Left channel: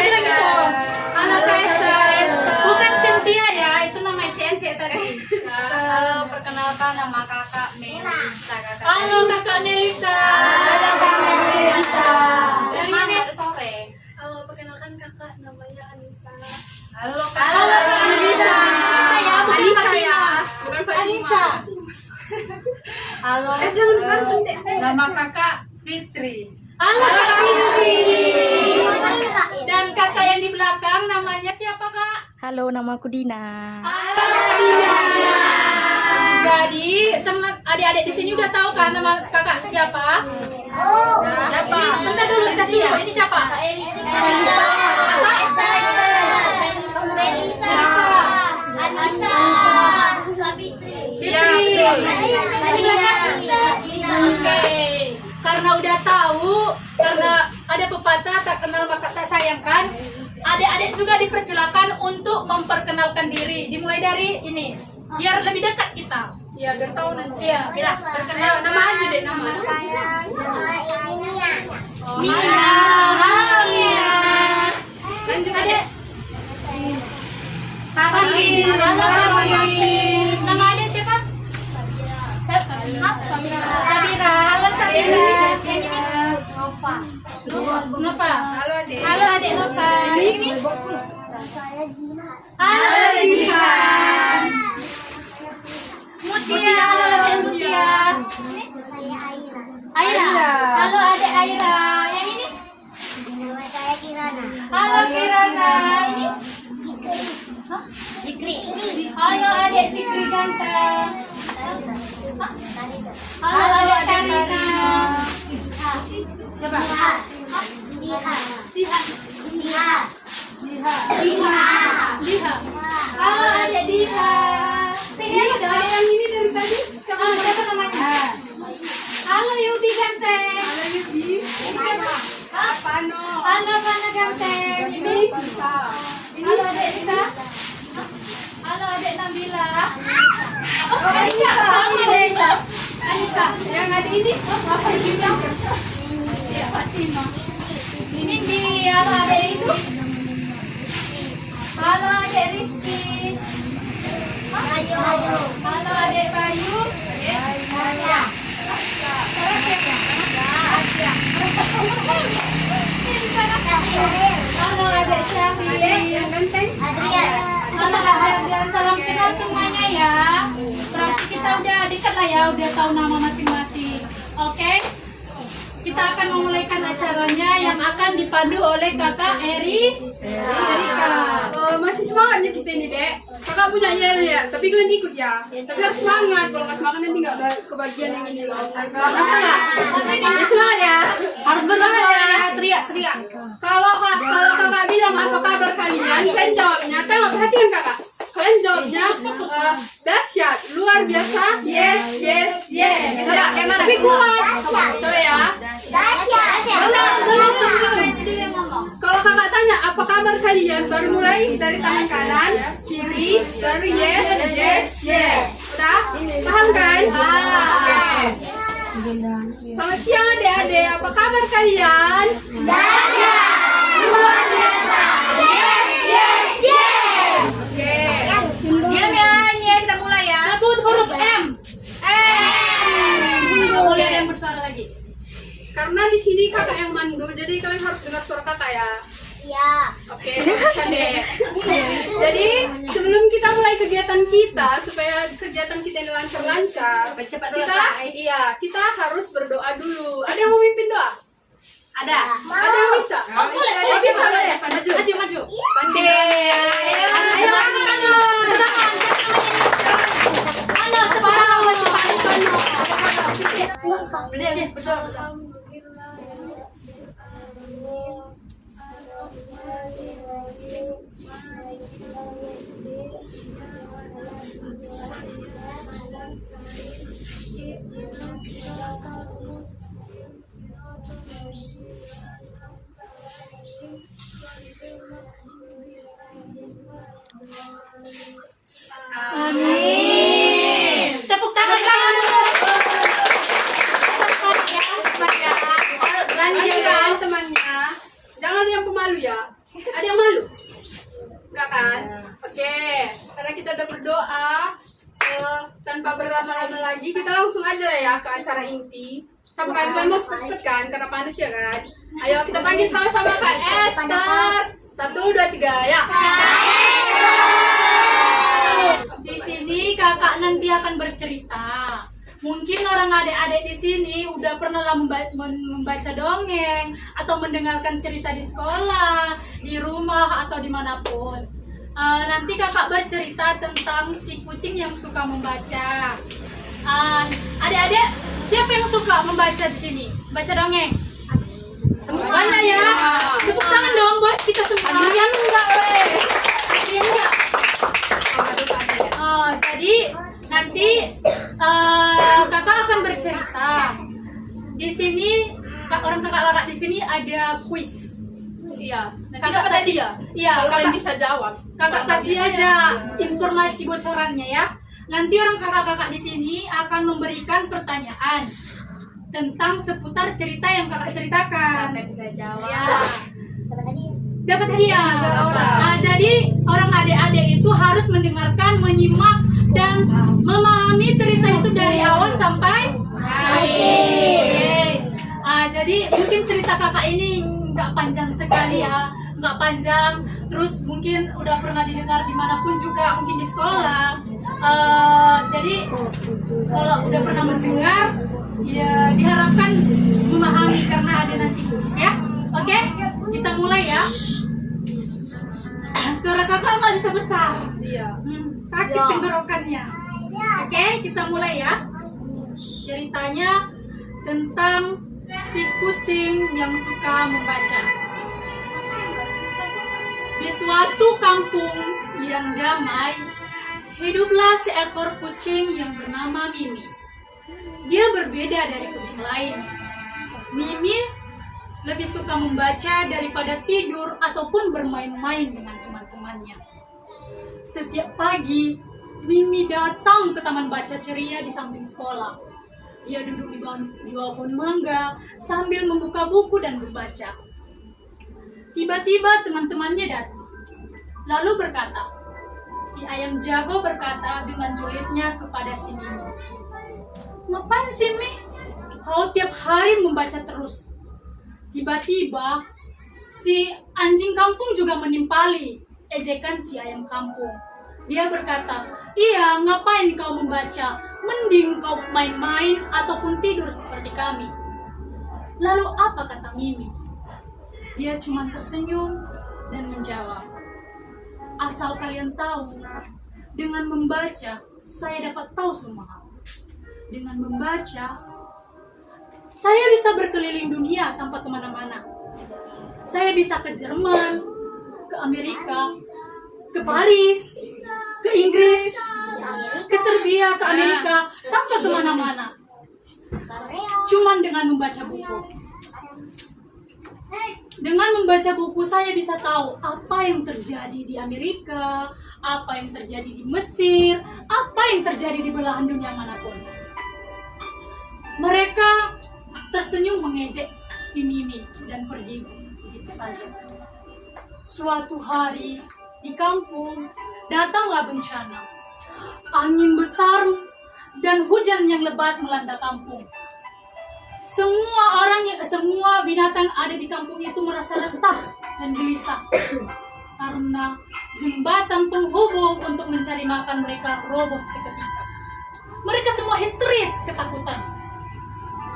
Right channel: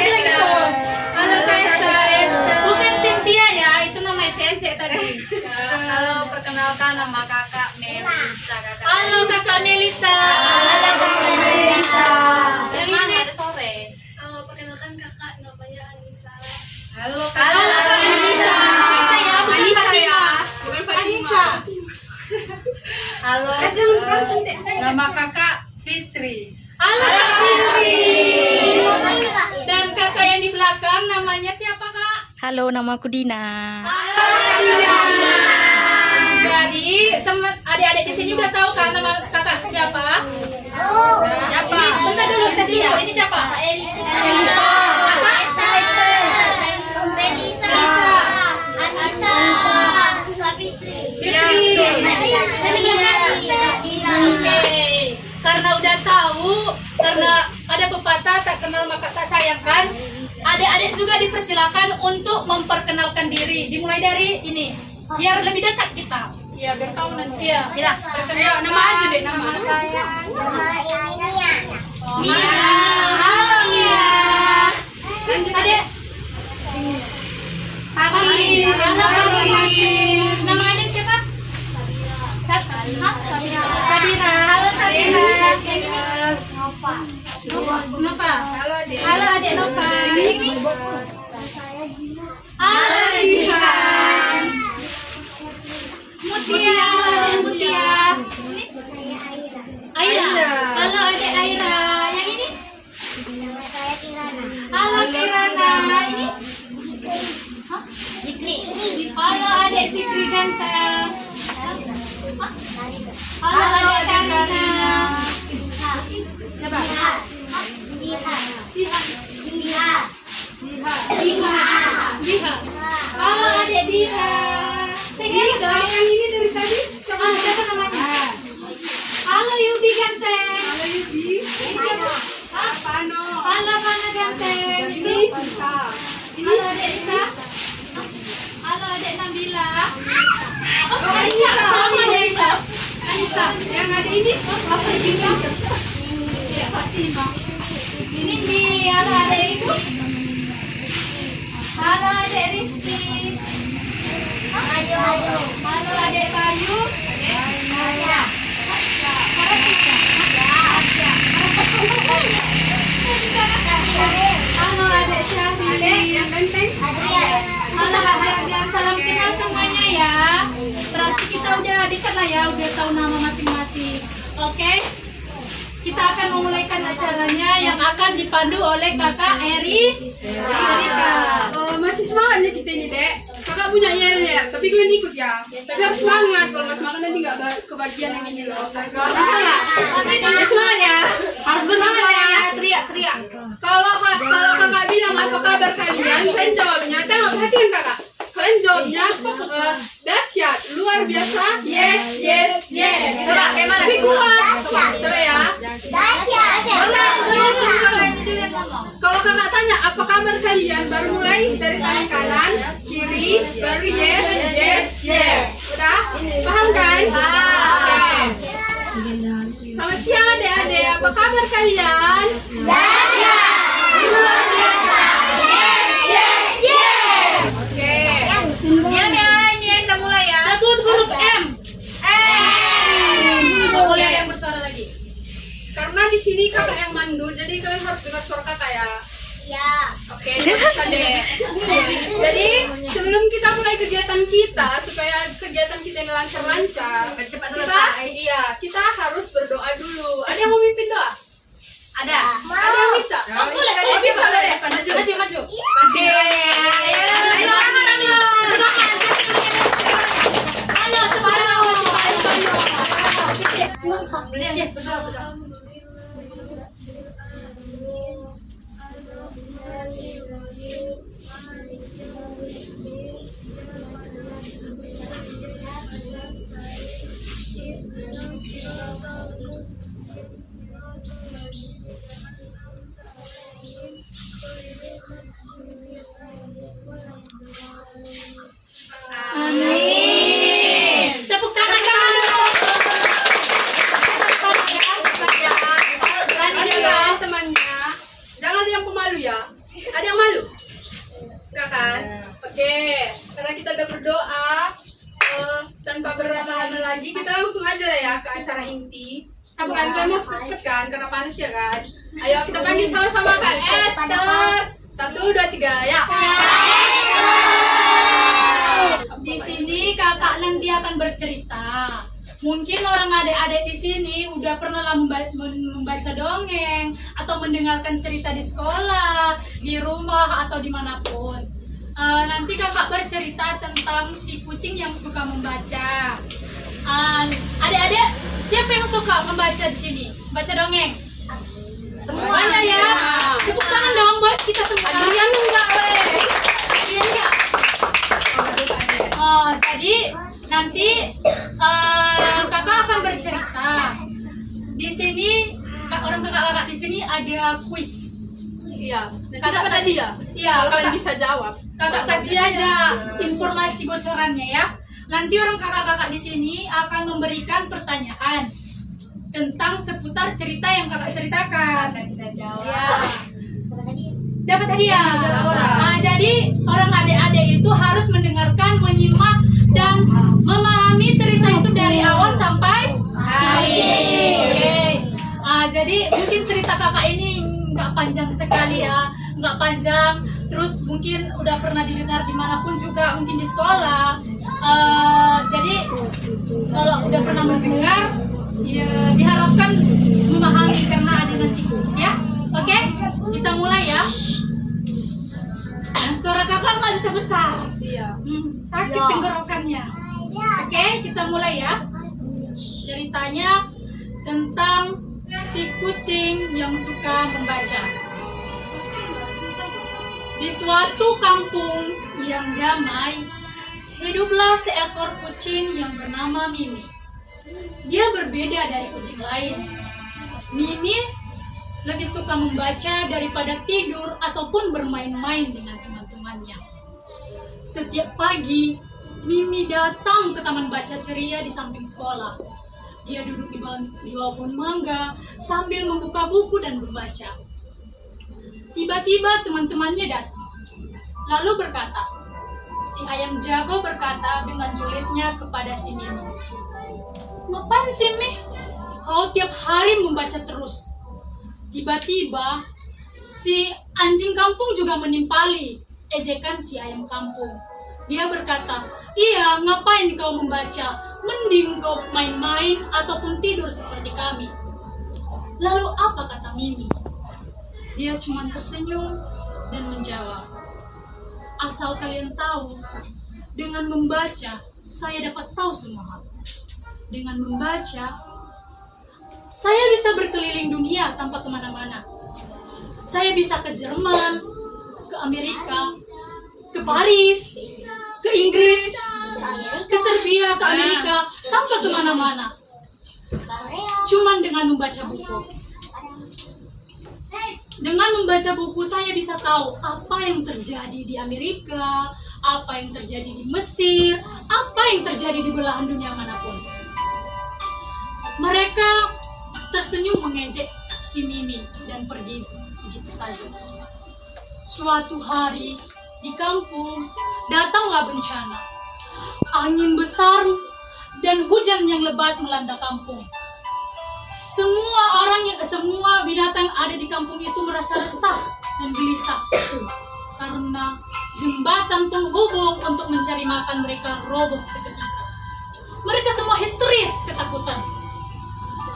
Halo Kak Esther. Bukan Cynthia ya, itu namanya CNC tadi. Halo, perkenalkan nama kakak Melisa. Halo Kakak Melisa. Dari mana? Dari sore. Halo, perkenalkan kakak namanya Anissa. Halo Kak Anissa. Anissa ya, bukan Anissa. Halo. Nama kakak Fitri. Halo Kak Fitri. Dan kakak yang di belakang namanya siapa Kak? Halo, nama aku Dina. Halo Dina. Jadi teman adik-adik di sini udah tahu kan nama kakak siapa? Siapa? Ini bentar dulu, tes dulu. Ini siapa? Oke, karena udah tahu, karena ada pepatah tak kenal maka tak sayang kan, adik-adik juga dipersilakan untuk memperkenalkan diri. Dimulai dari ini, biar lebih dekat kita. Iya, biar tahu nanti. Iya, Kita perkenal nama aja deh nama. Nia. Halo Nia. Lanjut adik. Hari. Halo Hari. Nama adik siapa? Sabira. Sabira. Halo Sabira. Nova. Halo adik. Halo adik Nova. Ini. Halo Jihan. Mutia. Halo adik Mutia. Aira. Halo adik Aira. Yang ini? Halo Kirana. Ini? Halo adik Sikri ganteng. Halo adik Karina. Coba. Diha. Halo adik Diha. Ada adik yang ini dari tadi. Coba siapa namanya? Halo Yudi ganteng. Halo Yudi. Pano. Halo Pano ganteng. Ini Nisa. Halo adik Nisa. Halo adik Nabila. Oh, Anissa. Sama Anissa. Anissa. Yang ada ini. Oh, apa ini? Iya, Fatima. Ini di halo adik itu. Halo adik Rizky. Halo adik Kayu. Halo adik Syafi. Yang ganteng. Halo adik-adik, salam kenal semuanya ya. Berarti kita udah dekat lah ya, udah tahu nama masing-masing. Oke? Kita akan memulaikan acaranya yang akan dipandu oleh kakak Erika. Masih semangatnya kita ini dek. Kakak punya yel ya, tapi kalian ikut ya. Tapi harus semangat, kalau nggak semangat nanti nggak kebagian yang ini loh. Kenapa ya? Harus semangat ya. Harus bersemangat ya. Teriak. Kalau kakak bilang apa kabar kalian, kalian jawabnya. Tengok perhatikan kakak. Kalian jawabnya dahsyat, luar biasa, yes. Tapi kuat. Coba ya. Kalau kakak tanya apa kabar kalian, baru mulai dari tangan kanan, kiri, baru yes. Udah? Paham kan? Oke. Selamat siang adik-adik, apa kabar kalian? Luar biasa. Oke. Diam ya, ini kita mulai ya. Sebut huruf M. Kita mulai yang bersuara lagi. Karena di sini kakak yang mandu, jadi kalian harus dengar suara kakak ya. Oke, bisa deh. Jadi sebelum kita mulai kegiatan kita, supaya kegiatan kita ini lancar-lancar, kita harus berdoa dulu. Ada yang mau mimpin doa? Ada. Ada yang bisa? Oh, boleh. Bisa deh. Maju. Oke. Halo, cepat. Betul. Amin. Tepuk tangan. Dan jangan temannya, jangan yang pemalu ya. berlama-lama lagi, kita langsung aja ya ke acara inti. Sama kan kalian mau cepet-cepet kan, karena panas ya kan. Ayo kita panggil sama-sama Kak Esther. 1, 2, 3, ya. Di sini kakak nanti akan bercerita. Mungkin orang adik-adik di sini udah pernah lah membaca dongeng atau mendengarkan cerita di sekolah, di rumah atau dimanapun. Nanti kakak bercerita tentang si kucing yang suka membaca. Adik-adik, siapa yang suka membaca di sini? Baca dongeng? Banyak ya. Tepuk tangan dong buat kita semua. Kalian enggak boleh. Kalian enggak. Jadi nanti kakak akan bercerita. Di sini orang kakak di sini ada kuis. Iya. Kakak kasih ya. Iya, Kalian bisa jawab. kakak kasih aja informasi bocorannya ya. Nanti orang kakak-kakak di sini akan memberikan pertanyaan tentang seputar cerita yang kakak ceritakan. Sampai bisa jawab. Ya. Dapat hadiah. Nah, jadi orang adik-adik itu harus mendengarkan, menyimak, dan memahami cerita itu dari awal sampai akhir. Oke. Jadi mungkin cerita kakak ini nggak panjang sekali ya, nggak panjang. Terus mungkin udah pernah didengar dimanapun juga, mungkin di sekolah. Jadi kalau udah pernah mendengar, ya diharapkan memahami karena ada nanti kuis ya. Oke, kita mulai ya. Suara kakak nggak bisa besar. Iya. Sakit tenggorokannya. Oke, kita mulai ya. Ceritanya tentang si kucing yang suka membaca. Di suatu kampung yang damai, hiduplah seekor kucing yang bernama Mimi. Dia berbeda dari kucing lain. Mimi lebih suka membaca daripada tidur ataupun bermain-main dengan teman-temannya. Setiap pagi, Mimi datang ke taman baca ceria di samping sekolah. Dia duduk di bawah pohon mangga sambil membuka buku dan membaca. Tiba-tiba teman-temannya datang, lalu berkata, si ayam jago berkata dengan julidnya kepada si Mimi, "Ngapain sih, Mi? Kau tiap hari membaca terus." Tiba-tiba si anjing kampung juga menimpali ejekan si ayam kampung. Dia berkata, "Iya, ngapain kau membaca? Mending kau main-main ataupun tidur seperti kami." Lalu apa kata Mimi? Dia cuma tersenyum dan menjawab, "Asal kalian tahu, dengan membaca saya dapat tahu semua hal. Dengan membaca saya bisa berkeliling dunia tanpa kemana-mana. Saya bisa ke Jerman, ke Amerika, ke Paris, ke Inggris, ke Serbia, ke Amerika, tanpa kemana-mana. Cuman dengan membaca buku. Dengan membaca buku saya bisa tahu apa yang terjadi di Amerika, apa yang terjadi di Mesir, apa yang terjadi di belahan dunia manapun." Mereka tersenyum mengejek si Mimi dan pergi begitu saja. Suatu hari di kampung datanglah bencana. Angin besar dan hujan yang lebat melanda kampung. Semua binatang yang ada di kampung itu merasa resah dan gelisah karena jembatan penghubung untuk mencari makan mereka roboh seketika. Mereka semua histeris ketakutan.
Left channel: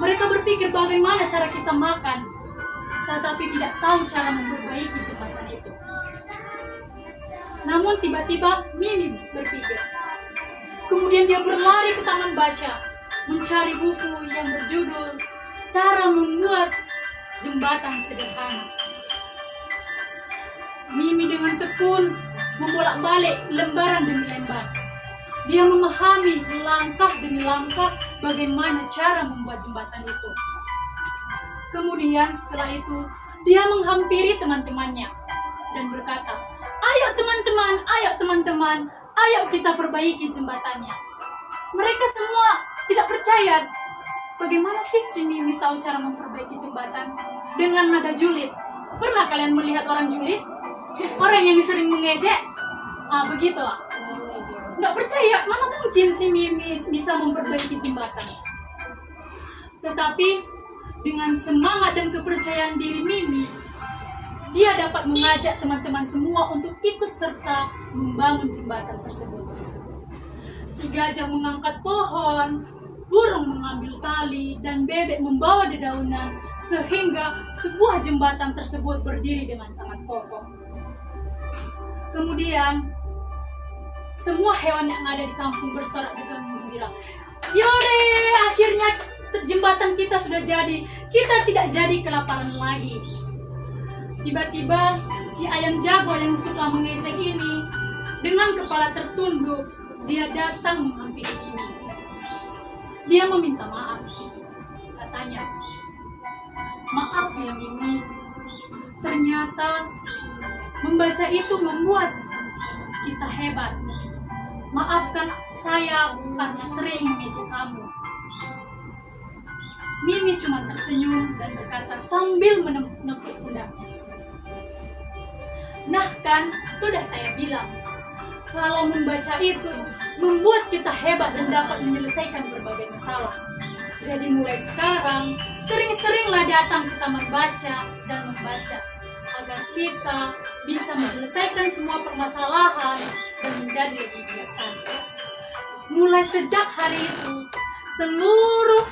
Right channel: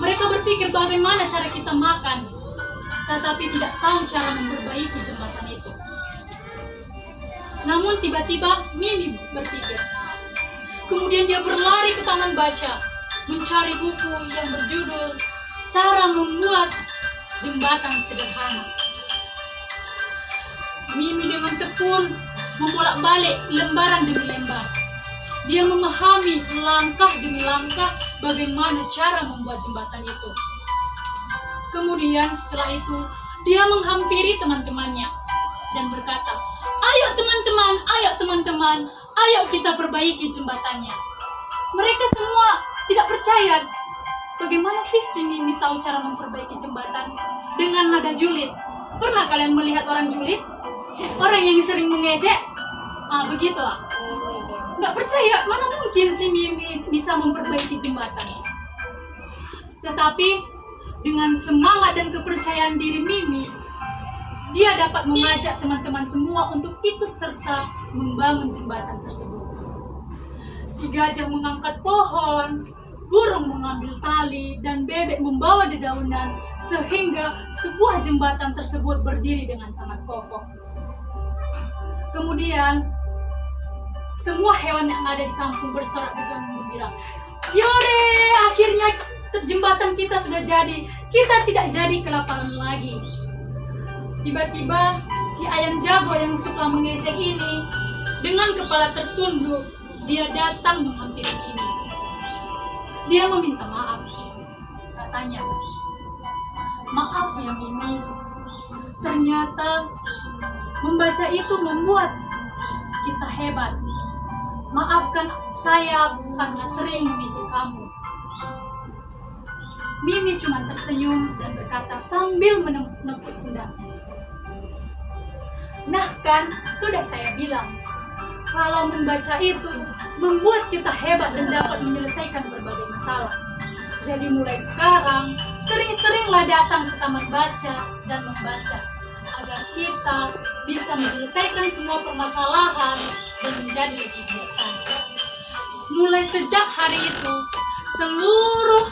Mereka berpikir bagaimana cara kita makan, tetapi tidak tahu cara memperbaiki jembatan itu. Namun tiba-tiba Mimi berpikir. Kemudian dia berlari ke taman baca, mencari buku yang berjudul Cara Membuat Jembatan Sederhana. Mimi dengan tekun membolak-balik lembaran demi lembar. Dia memahami langkah demi langkah bagaimana cara membuat jembatan itu. Kemudian setelah itu, dia menghampiri teman-temannya dan berkata, "Ayo teman-teman, ayo kita perbaiki jembatannya." Mereka semua tidak percaya. Bagaimana sih si Mimi tahu cara memperbaiki jembatan dengan nada julid? Pernah kalian melihat orang julid? Orang yang sering mengejek? Begitulah. nggak percaya, mana mungkin si Mimi bisa memperbaiki jembatan. Tetapi dengan semangat dan kepercayaan diri Mimi, dia dapat mengajak teman-teman semua untuk ikut serta membangun jembatan tersebut. Si gajah mengangkat pohon, burung mengambil tali, dan bebek membawa dedaunan, sehingga sebuah jembatan tersebut berdiri dengan sangat kokoh. Kemudian, semua hewan yang ada di kampung bersorak dengan gembira. Yore, akhirnya jembatan kita sudah jadi. Kita tidak jadi kelaparan lagi. Tiba-tiba, si ayam jago yang suka mengejek ini, dengan kepala tertunduk, dia datang menghampiri Mimi. Dia meminta maaf. Katanya, "Maaf ya Mimi, ternyata membaca itu membuat kita hebat. Maafkan saya karena sering mengejek kamu." Mimi cuma tersenyum dan berkata sambil menepuk pundaknya, "Nah kan, sudah saya bilang, kalau membaca itu membuat kita hebat dan dapat menyelesaikan berbagai masalah. Jadi mulai sekarang, sering-seringlah datang ke taman baca dan membaca, agar kita bisa menyelesaikan semua permasalahan dan menjadi lebih bijaksana." Mulai sejak hari itu, seluruh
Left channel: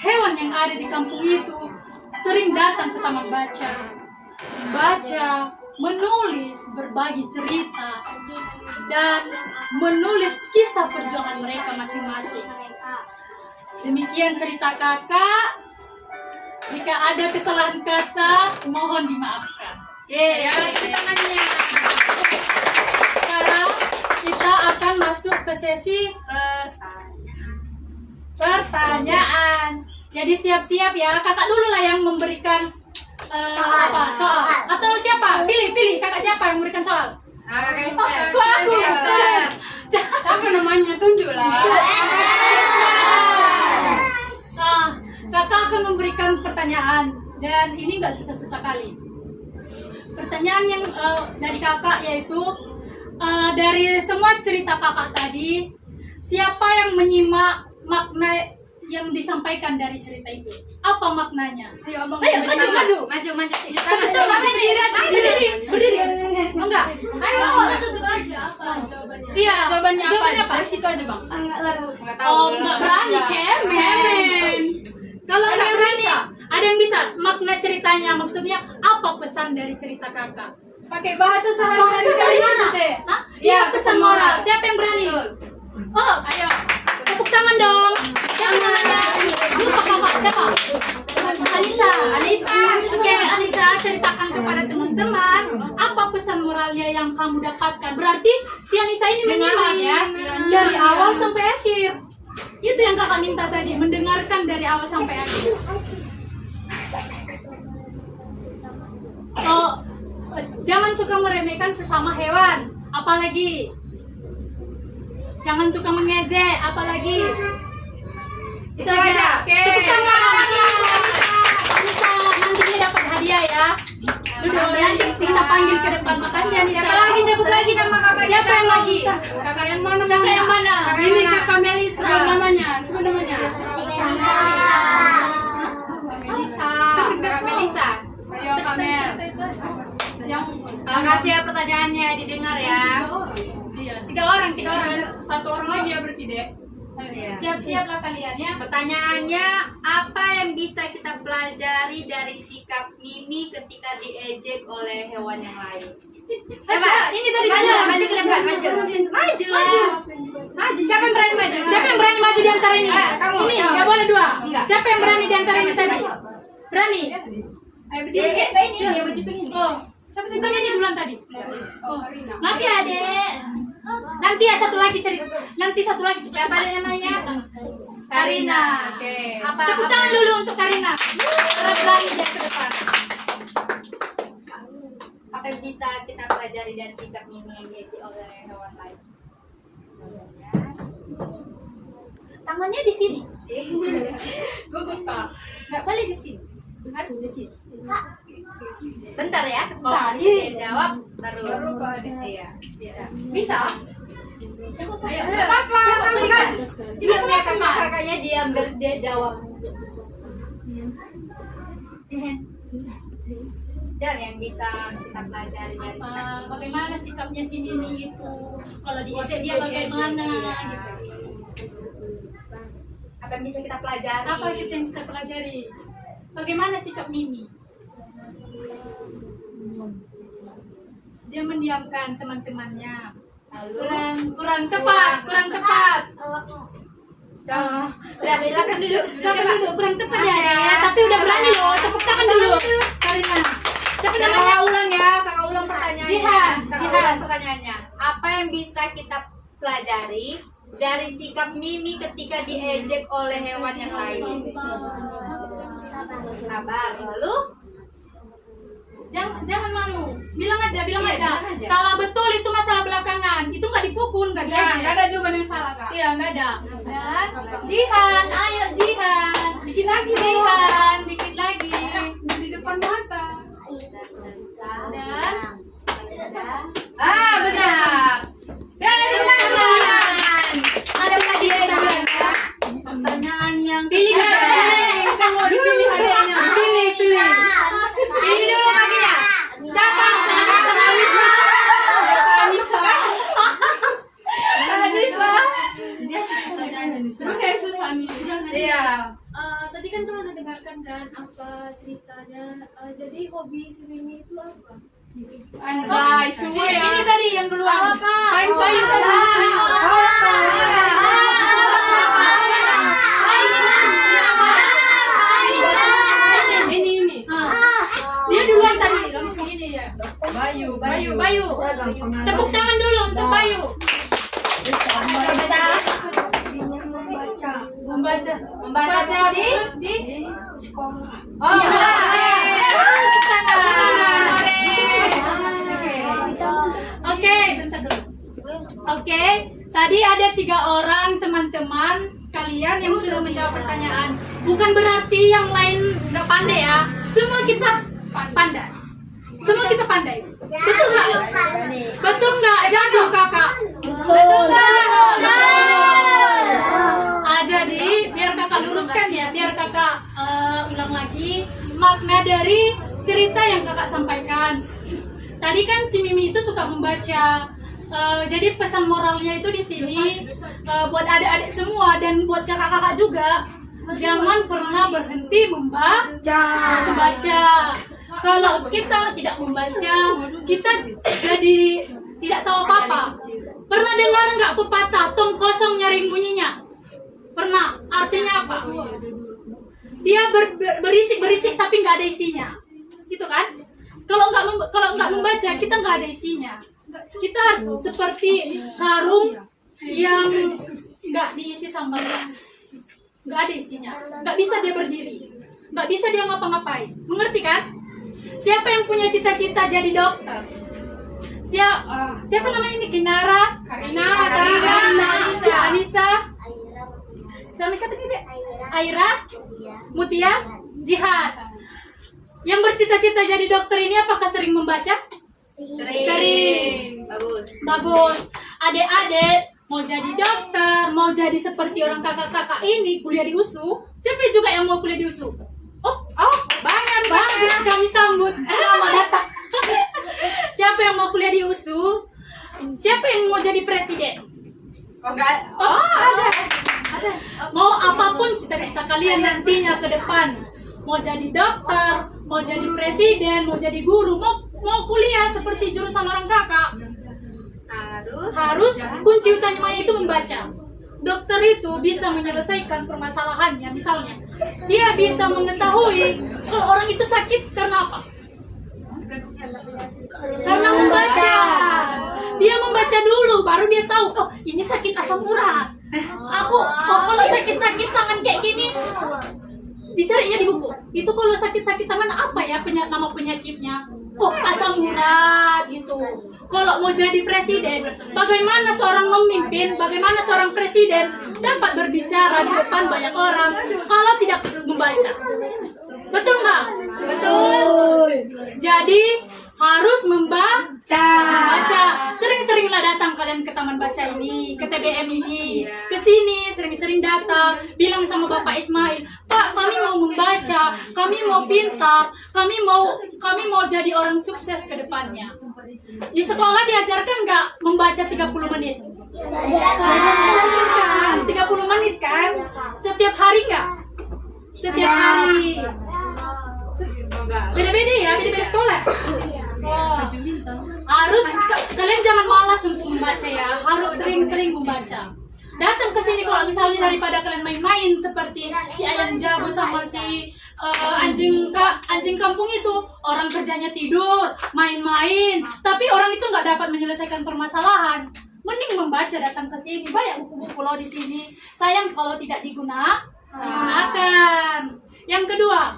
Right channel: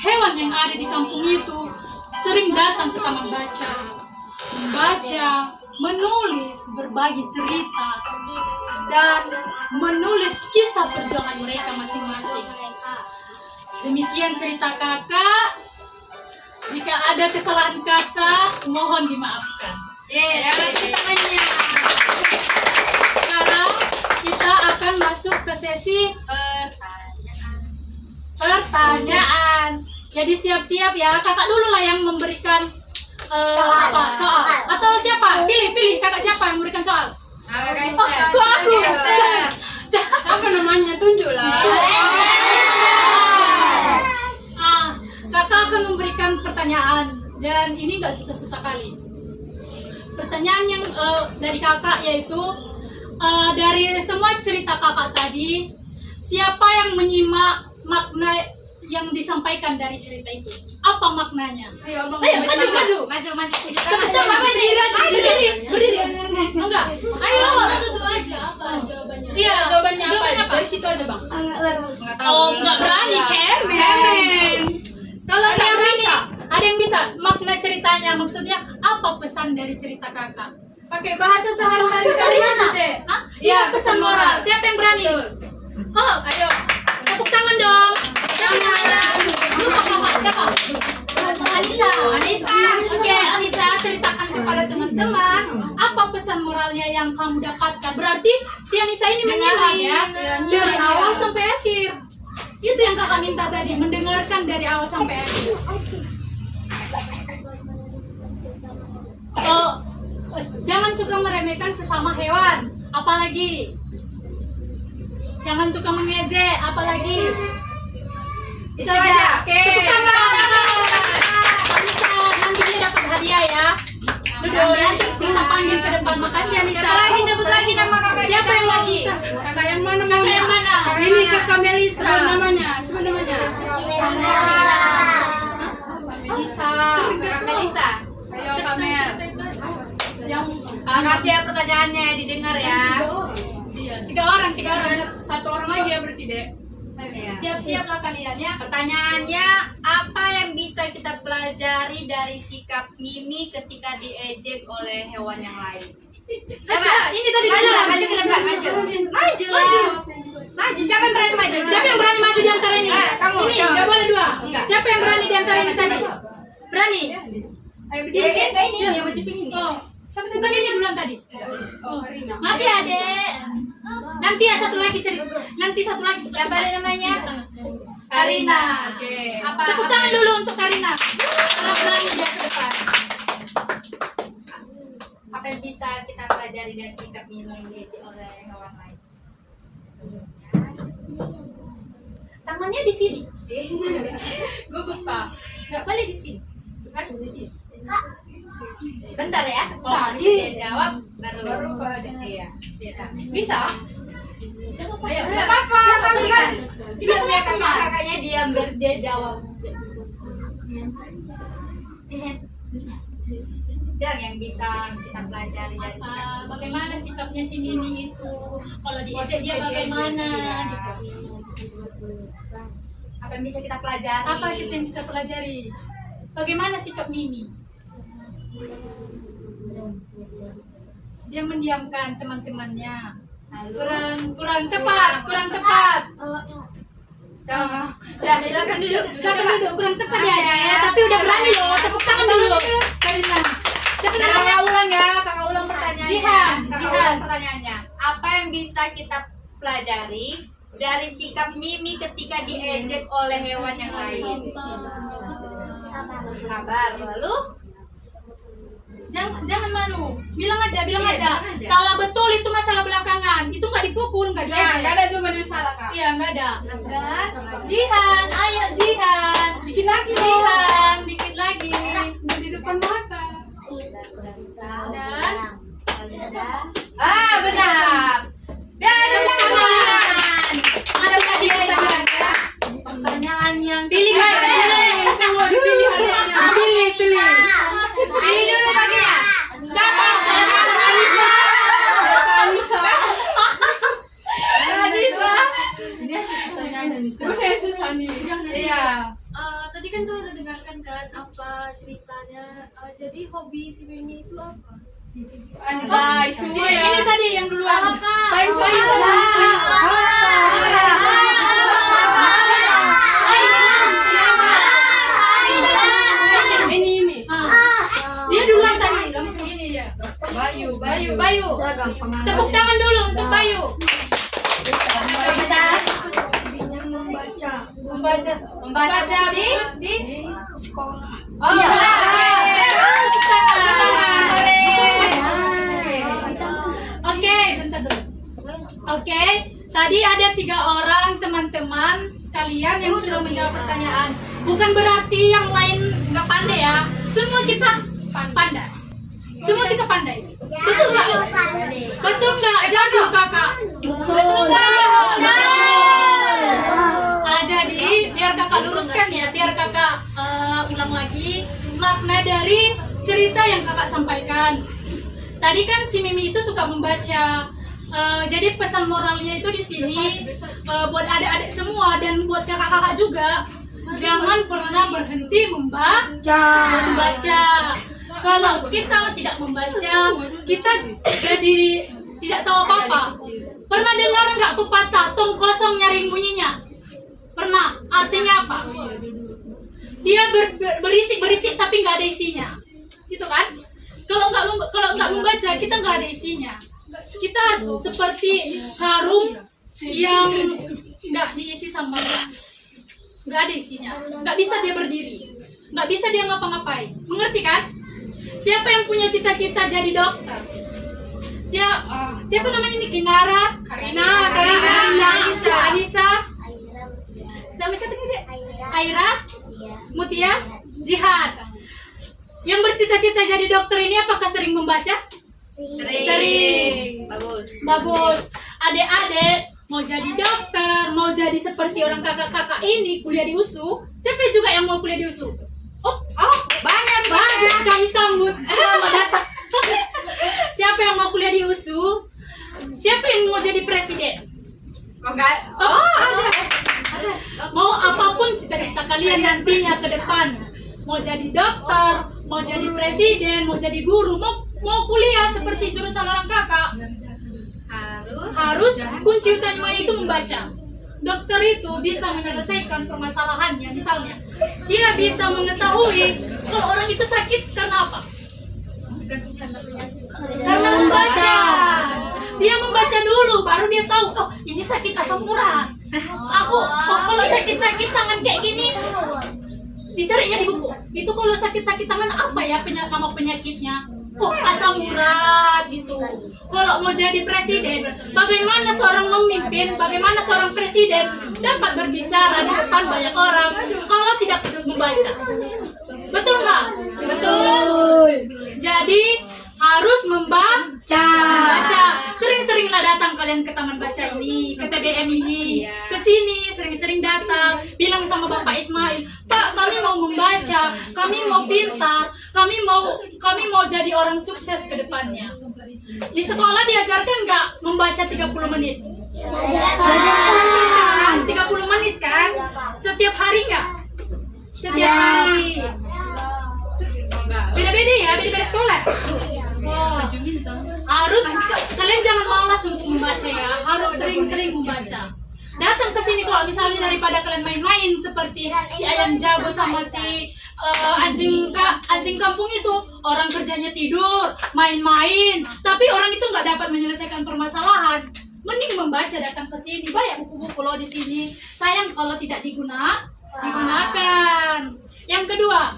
hewan yang ada di kampung itu sering datang ke taman baca, membaca, menulis berbagi cerita, dan menulis kisah perjuangan mereka masing-masing. Demikian cerita kakak. Jika ada kesalahan kata, mohon dimaafkan. Ya, tangannya. Sekarang kita akan masuk ke sesi pertanyaan. Jadi siap-siap ya, kakak dulu lah yang memberikan soal. Atau siapa? Pilih kakak siapa yang memberikan soal? Kok aku? Apa namanya? Tunjuklah. Kakak akan memberikan pertanyaan, dan ini nggak susah-susah kali. Pertanyaan yang dari kakak yaitu dari semua cerita kakak tadi, siapa yang menyimak makna yang disampaikan dari cerita itu? Apa maknanya? Ayo, abang. Ayo, maju. Berdiri. Enggak. Ayo, satu aja. Apa jawabannya? Iya, jawabannya apa? Jawabannya Dari situ aja, Bang. Enggak tahu. Oh, nggak berani, cemen. Kalau ada yang berani, ada yang bisa makna ceritanya, maksudnya apa pesan dari cerita kakak? Pakai bahasa sehari-hari Bahasa kalian mana? deh. Hah? Iya, Iya, pesan pesan moral. moral. Siapa yang berani? Oh, Ayo. tepuk tangan dong. Siapa yang berani? Lupa kakak, siapa? Anissa. Oke, Anissa, ceritakan kepada teman-teman apa pesan moralnya yang kamu dapatkan. Berarti si Anissa ini menyimak ya, dari awal sampai akhir. Itu yang kakak minta tadi, mendengarkan dari awal sampai akhir. Oh, jangan suka meremehkan sesama hewan, apalagi jangan suka mengejek, apalagi itu aja. Oke. Tepuk tangan. Anissa, nanti dia dapat hadiah ya. Duduk, nanti kita panggil ke depan. Makasih Anissa. Siapa lagi? Sebut lagi nama kakak. Siapa yang lagi? Kakak yang mana? Kakak yang mana? Ini kakak Melisa. Sebut namanya. Kakak Melisa. Ayo, Kamer. Yang Makasih ya pertanyaannya, didengar ya. Iya, tiga orang. satu orang lagi ya berarti, Dek. Iya. Siap-siaplah kalian ya. Pertanyaannya, apa yang bisa kita pelajari dari sikap Mimi ketika diejek oleh hewan yang lain? Ini tadi Maju ke depan, maju lah. Maju, siapa yang berani maju? Siapa yang berani maju di antara ini? Kamu, Ini coba. nggak boleh dua. Enggak. Siapa yang berani di antara ini Maju, tadi? maju. Berani? Ayo Dia berdiri. kayak ini, dia baju pink ini. Oh, siapa tuh? Bukan ini duluan tadi. Oh, Karina. Maaf ya, Dek. Nanti ya satu lagi cerita. Nanti satu lagi cepat. Siapa ada namanya? Karina. Oke. Tepuk tangan dulu untuk Karina. Berani dia ke depan. Apa yang bisa kita pelajari dari sikap Mimi yang diejek oleh hewan lain? Tangannya di sini. Gugup, Pak. Nggak boleh di sini. Harus di sini. Bentar ya, Bentar. kalau dia jawab baru Baru ke adik. Iya. Bisa? Ayo, nggak apa-apa. Kamu kan tidak biarkan kakaknya diam biar dia jawab. Yang bisa kita pelajari dari sikap Bagaimana sikapnya si Mimi itu? Kalau diejek dia bagaimana? Gitu. apa yang bisa kita pelajari? Apa yang kita pelajari? Bagaimana sikap Mimi? Dia mendiamkan teman-temannya. Lalu Kurang tepat. Udah, silakan duduk. Silakan duduk, kurang tepat ya. Tapi udah berani loh, tepuk tangan dulu. Karina. Kakak ulang ya, kakak ulang pertanyaannya. Jihan. Ulang pertanyaannya. Apa yang bisa kita pelajari dari sikap Mimi ketika diejek oleh hewan yang lain? Sabar. Lalu Jangan manu, bilang aja. Bilang aja. Salah betul itu masalah belakangan. Itu nggak dipukul, nggak Nah, diejek. nggak ada jawaban yang salah kak. Iya, nggak ada. Jihan, ayo Jihan. Dikit lagi dong. Jihan, dikit lagi. Di depan mata. Dan benar. Dari belakang. Ada pertanyaan. pertanyaan yang Pilih ketiga. kakak. Kita mau dipilih hadiahnya. Pilih. Pilih dulu kakaknya. Siapa? Terus saya susah nih. Iya. Tadi kan kamu udah dengarkan kan apa ceritanya. Jadi hobi si Mimi itu apa? Anjay, semua ya. Ini tadi yang duluan. Kain kayu tadi. Ini. Dia duluan tadi, langsung gini dia. Bayu. Tepuk tangan dulu untuk Bayu. Membaca di Sekolah. Oh, iya. Tepuk tangan. Oke, bentar dulu. Oke, tadi ada 3 orang teman-teman kalian yang sudah menjawab pertanyaan. Bukan berarti yang lain nggak pandai ya. Semua kita pandai. Semua kita pandai. Betul nggak? Betul nggak? Jago kakak. Betul nggak? Jadi biar kakak luruskan ya, biar kakak ulang lagi makna dari cerita yang kakak sampaikan. Tadi kan si Mimi itu suka membaca. Jadi pesan moralnya itu di sini buat adik-adik semua dan buat kakak-kakak juga. Jangan pernah berhenti membaca. Kalau kita tidak membaca, kita jadi tidak tahu apa-apa. Pernah dengar nggak pepatah tong kosong nyaring bunyinya? Pernah? Artinya apa? Dia berisik tapi nggak ada isinya, gitu kan? Kalau nggak membaca, kita nggak ada isinya. Kita seperti karung yang nggak diisi sambal gas, nggak ada isinya, nggak bisa dia berdiri, nggak bisa dia ngapa-ngapain. Mengerti kan? Siapa yang punya cita-cita jadi dokter? Siapa namanya ini? Kinara, Karina, Anissa, sama siapa nih dek? Aira, Mutia, Jihad. Yang bercita-cita jadi dokter ini apakah sering membaca? Sering. Bagus. Adik-adik mau jadi dokter, mau jadi seperti orang kakak-kakak ini kuliah di USU. Siapa juga yang mau kuliah di USU? Banyak. Bagus, kami sambut. Selamat datang. Siapa yang mau kuliah di USU? Siapa yang mau jadi presiden? Ada. Mau apapun cita-cita kalian nantinya ke depan, mau jadi dokter, mau jadi presiden, mau jadi guru, mau kuliah seperti jurusan orang kakak, harus kunci utamanya itu membaca. Dokter itu bisa menyelesaikan permasalahannya. Misalnya, dia bisa mengetahui kalau orang itu sakit karena apa? Karena membaca. Dia membaca dulu, baru dia tahu, oh ini sakit asam urat. Aku kalau sakit-sakit tangan kayak gini, dicarinya di buku. Itu kalau sakit-sakit tangan apa ya nama penyakitnya? Oh asam urat gitu. Kalau mau jadi presiden, bagaimana seorang memimpin, bagaimana seorang presiden dapat berbicara di depan banyak orang kalau tidak membaca? Betul nggak? Betul. Jadi harus membaca. Sering-seringlah datang kalian ke taman baca ini, ke TBM ini, ke sini sering-sering datang, bilang sama Bapak Ismail, Pak, kami mau membaca, kami mau pintar, kami mau jadi orang sukses ke depannya. Di sekolah diajarkan nggak membaca 30 menit? 30 menit kan? Setiap hari nggak? Setiap hari. Beda-beda ya, beda-beda sekolah. Oh, harus kalian jangan malas untuk membaca ya, harus sering-sering membaca. Datang ke sini kalau misalnya daripada kalian main-main seperti si ayam jago sama si anjing kampung itu, orang kerjanya tidur, main-main, tapi orang itu nggak dapat menyelesaikan permasalahan. Mending membaca, datang ke sini, banyak buku-buku loh di sini. Sayang kalau tidak digunakan. Yang kedua,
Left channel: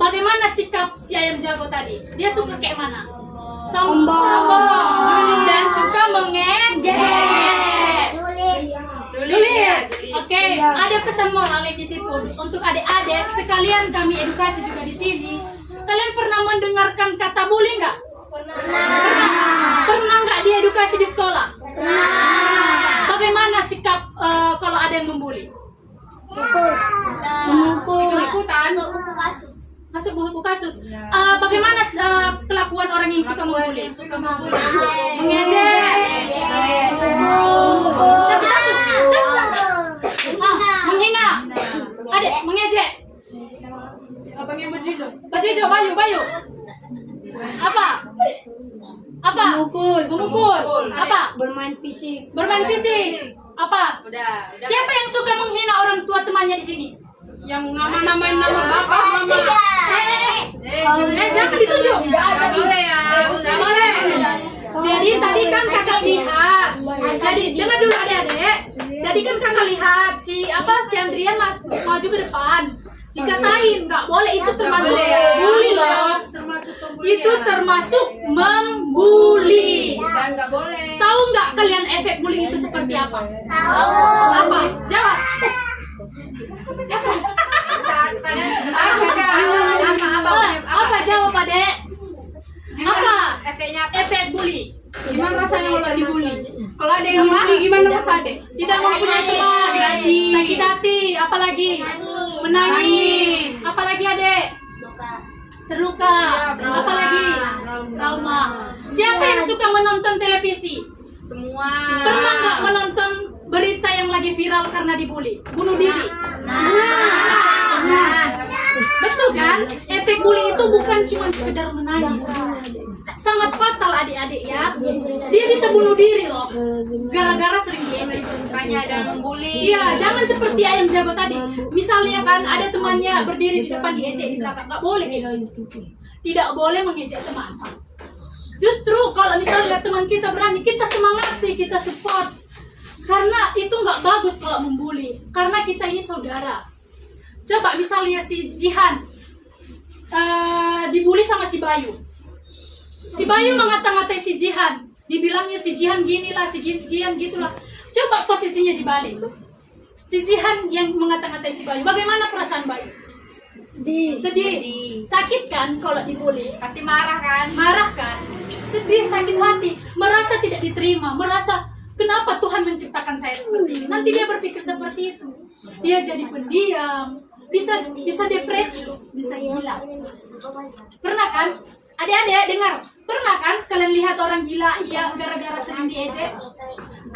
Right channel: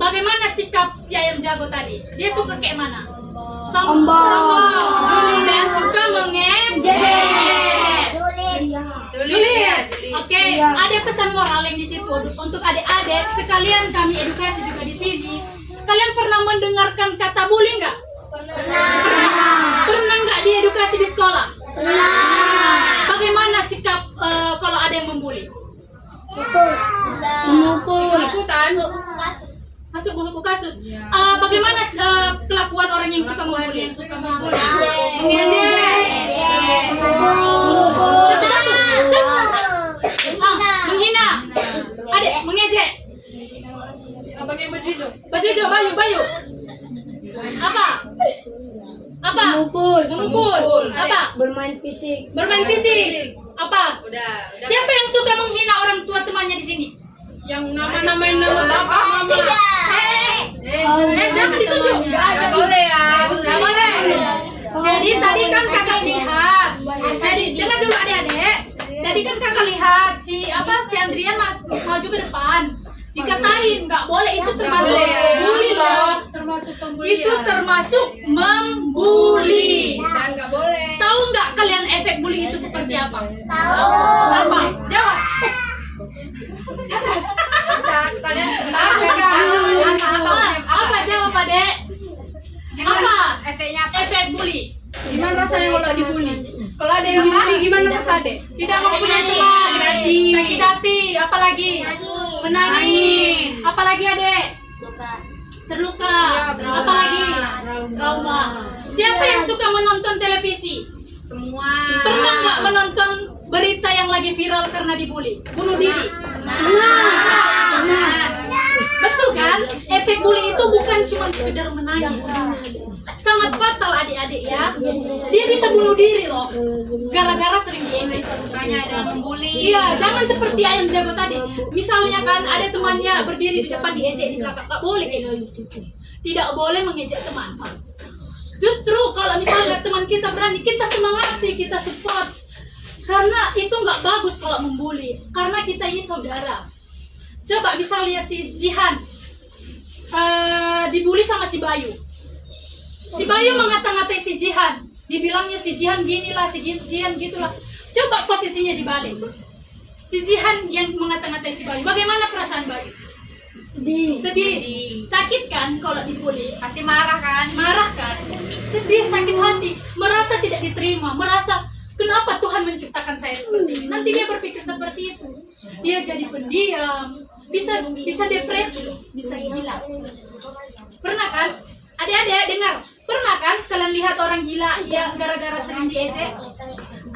bagaimana sikap si ayam jago tadi? Dia suka kayak mana? Sombong dan suka mengejek. Julid. Oke, ada pesan moral yang di situ untuk adik-adik sekalian, kami edukasi juga di sini. Kalian pernah mendengarkan kata bully nggak? Pernah nggak diedukasi di sekolah? Bagaimana sikap kalau ada yang membuli? Memukul. Ikutan. Masuk buku kasus. Bagaimana kelakuan orang yang suka membuli? Mengejek. Satu-satu. Menghina. Adik, mengejek. Pakai baju hijau. Baju hijau, Bayu. Apa? Memukul. Apa? Bermain fisik. Apa? Udah. Siapa yang suka menghina orang tua temannya di sini? Yang nama-namain nama siapa? Jangan ditunjuk. Nggak boleh ya. Nggak boleh. Jadi tadi kan kakak lihat. Jadi dengar dulu adik-adik. Tadi kan kakak lihat si Andrian maju ke depan. Dikatain nggak boleh, itu termasuk bully loh. Itu termasuk membuli. Dan nggak boleh. Tahu nggak kalian efek bully itu seperti apa? Apa? Jawab. Apa jawab adek? Apa? Efeknya apa? Efek bully. Gimana rasanya kalau dibully? Kalau ada yang dibully gimana rasanya deh? Tidak mempunyai teman, sakit hati, apalagi menangis, apalagi adek? Terluka, apalagi trauma. Siapa yang suka menonton televisi? Semua. Pernah nggak menonton berita yang lagi viral karena dibully, bunuh diri? Betul kan? Efek bully itu bukan cuma sekedar menangis, sangat fatal adik-adik ya. Dia bisa bunuh diri loh, gara-gara sering diejek. Makanya jangan membuli. Iya, jangan seperti ayam jago tadi. Misalnya kan ada temannya berdiri di depan diejek di belakang, nggak boleh kayak gitu. Tidak boleh mengejek teman. Justru kalau misalnya teman kita berani, kita semangati, kita support. Karena itu nggak bagus kalau membuli. Karena kita ini saudara. Coba misalnya si Jihan dibully sama si Bayu. Si Bayu mengata-ngatai si Jihan. Dibilangnya si Jihan ginilah, si Jihan gitulah. Coba posisinya dibalik. Si Jihan yang mengata-ngatai si Bayu. Bagaimana perasaan Bayu? Sedih. Sakit kan kalau dibully? Pasti marah kan? Marah kan? Sedih, sakit hati, merasa tidak diterima, merasa kenapa Tuhan menciptakan saya seperti ini. Nanti dia berpikir seperti itu. Dia jadi pendiam, bisa depresi loh, bisa gila. Pernah kan? Adik-adik dengar, pernah kan kalian lihat orang gila yang gara-gara sering diejek?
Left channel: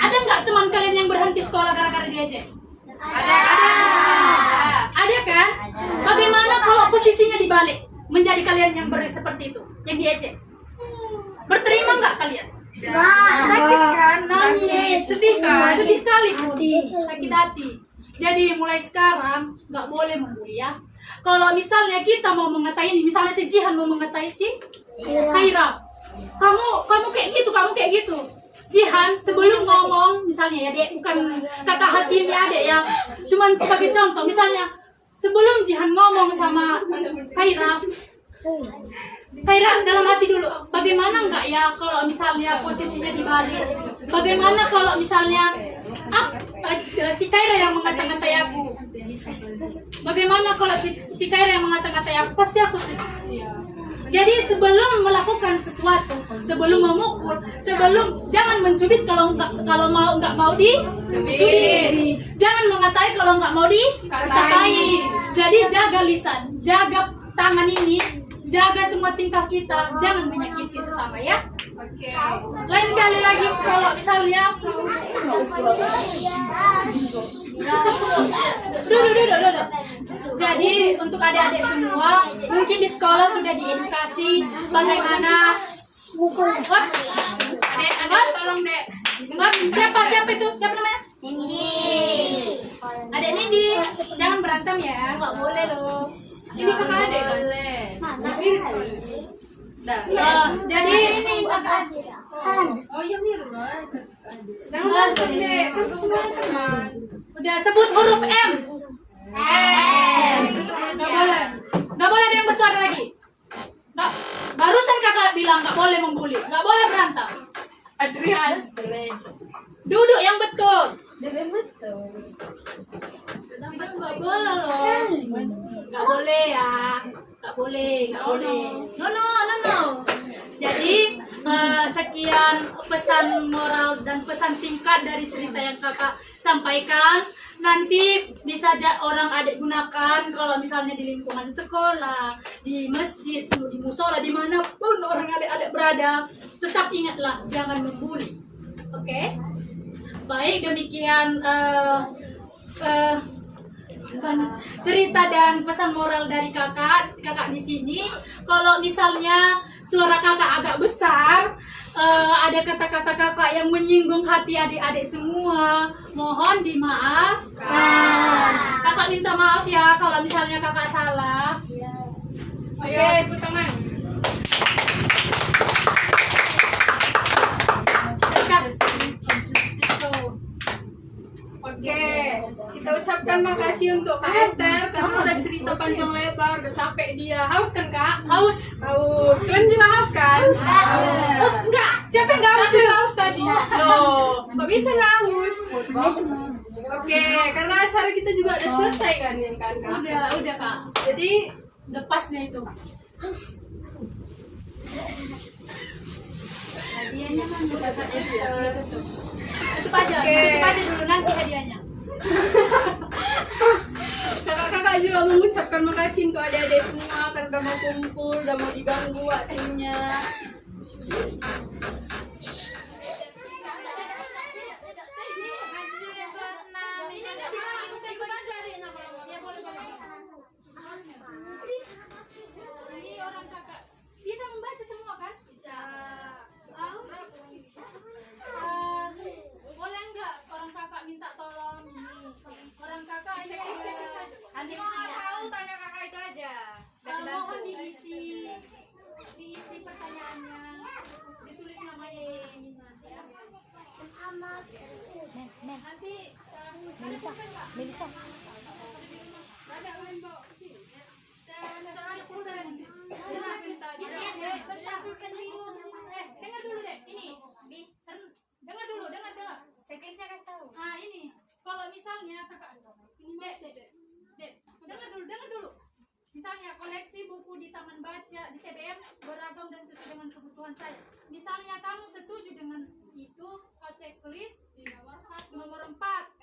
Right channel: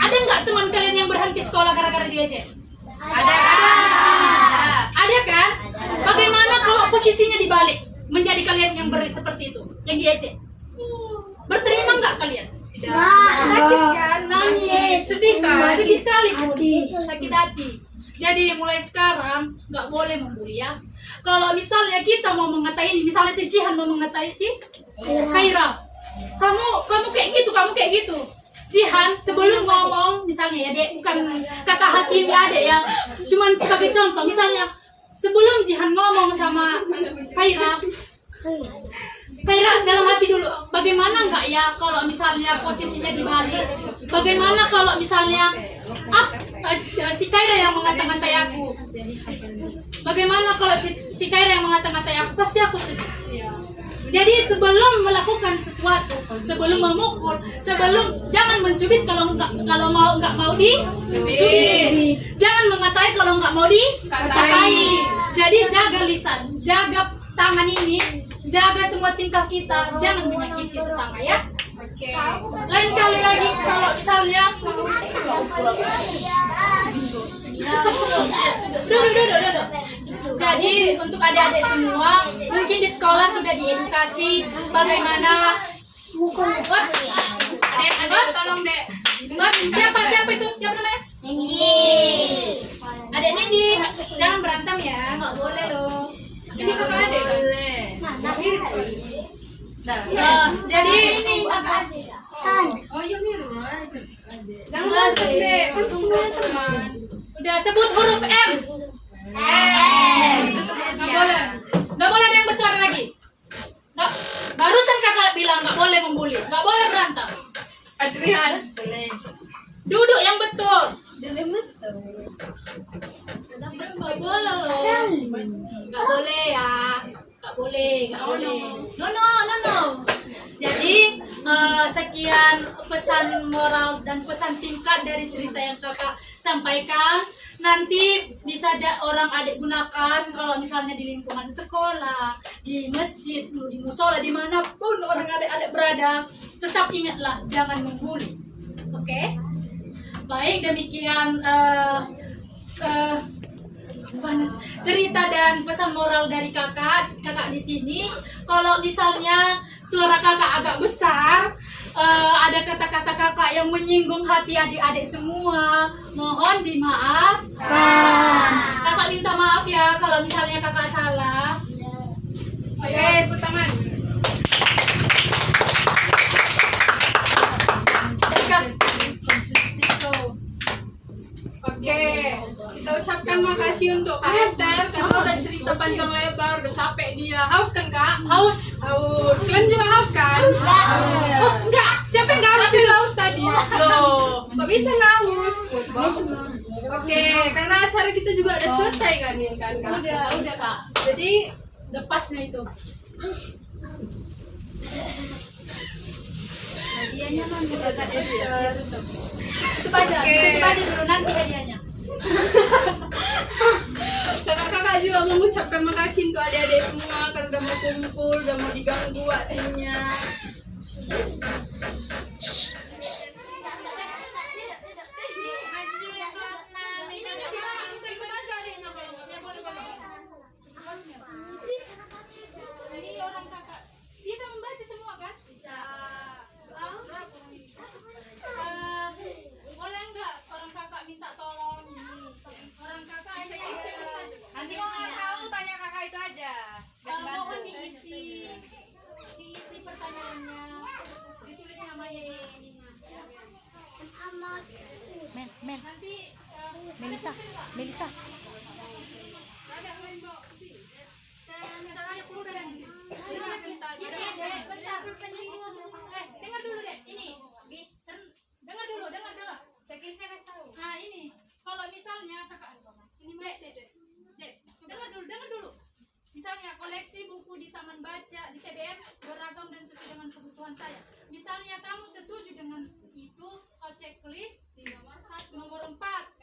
Ada nggak teman kalian yang berhenti sekolah gara-gara diejek? Ada kan? Bagaimana kalau posisinya dibalik, menjadi kalian yang seperti itu, yang diejek? Berterima nggak kalian? Sakit kan? Nangis, sedih kan? Sedih kali, sakit hati. Jadi mulai sekarang nggak boleh membuli ya. Kalau misalnya kita mau mengatai ini, misalnya si Jihan mau mengatai si Kaira, kamu kayak gitu. Jihan sebelum ngomong, misalnya ya dek, bukan kakak hakim ya dek ya, cuman sebagai contoh, misalnya sebelum Jihan ngomong sama Kaira dalam hati dulu, bagaimana enggak ya kalau misalnya posisinya dibalik? Bagaimana kalau misalnya si Kaira yang mengata-ngatai aku? Bagaimana kalau si Kaira yang mengata-ngatai aku? Pasti aku sedih. Jadi sebelum melakukan sesuatu, sebelum memukul, jangan mencubit kalau nggak mau dicubit. Jangan mengatai kalau nggak mau dikatai. Jadi jaga lisan, jaga tangan ini, jaga semua tingkah kita, jangan menyakiti sesama ya. Oke. Lain kali lagi kalau misalnya Duh. Jadi untuk adik-adik semua, mungkin di sekolah sudah diedukasi bagaimana Adik, tolong dek. Siapa itu? Siapa namanya? Adik Nindi. Jangan berantem ya, nggak boleh loh. Ini kakak adik boleh. Jadi ini Oh iya mirip. Jangan berantem dek, kan semuanya teman. udah sebut huruf M. Nggak boleh ada yang bersuara lagi. Nggak, barusan kakak bilang nggak boleh membuli, nggak boleh berantem. Adrian. Duduk yang betul. Nggak boleh loh. Nggak boleh ya. Nggak boleh. No. Jadi sekian pesan moral dan pesan singkat dari cerita yang kakak sampaikan. Nanti bisa orang adik gunakan kalau misalnya di lingkungan sekolah, di masjid, di musola, dimanapun orang adik-adik berada. Tetap ingatlah, jangan membuli. Oke? Baik, demikian cerita dan pesan moral dari kakak di sini. Kalau misalnya suara kakak agak besar, ada kata-kata kakak yang menyinggung hati adik-adik semua, mohon dimaafkan. Kakak minta maaf ya kalau misalnya kakak salah. Oke, tepuk tangan. Oke, kita ucapkan makasih untuk Kak Esther karena udah cerita panjang lebar, udah capek dia. Haus kan Kak? Haus. Kalian juga haus kan? Oh, enggak. Siapa yang enggak haus? Siapa yang haus tadi? Loh, kok bisa nggak haus? Oke, karena acara kita juga udah selesai kan ya kan Kak? Udah Kak. Jadi Udah pasnya itu. Hadiahnya mana udah Kak Esther? Tutup aja dulu nanti hadiahnya. kakak-kakak juga mengucapkan makasih untuk adik-adik semua karena udah mau kumpul, udah mau diganggu waktunya. Ini orang kakak bisa membaca semua kan? Bisa. Boleh nggak orang kakak minta tolong ini? Orang kakak ini Nanti tahu tanya kakak itu aja. mohon diisi pertanyaannya, ditulis namanya di ini ya. Nanti Melisa. Dengar dulu deh, ini. Dengar dulu. Saya kasih tahu. Ah ini, kalau misalnya kakak, ini dek, dengar dulu. Misalnya koleksi buku di taman baca di TBM beragam dan sesuai dengan kebutuhan saya. Misalnya kamu setuju dengan itu, kau checklist di nomor 4.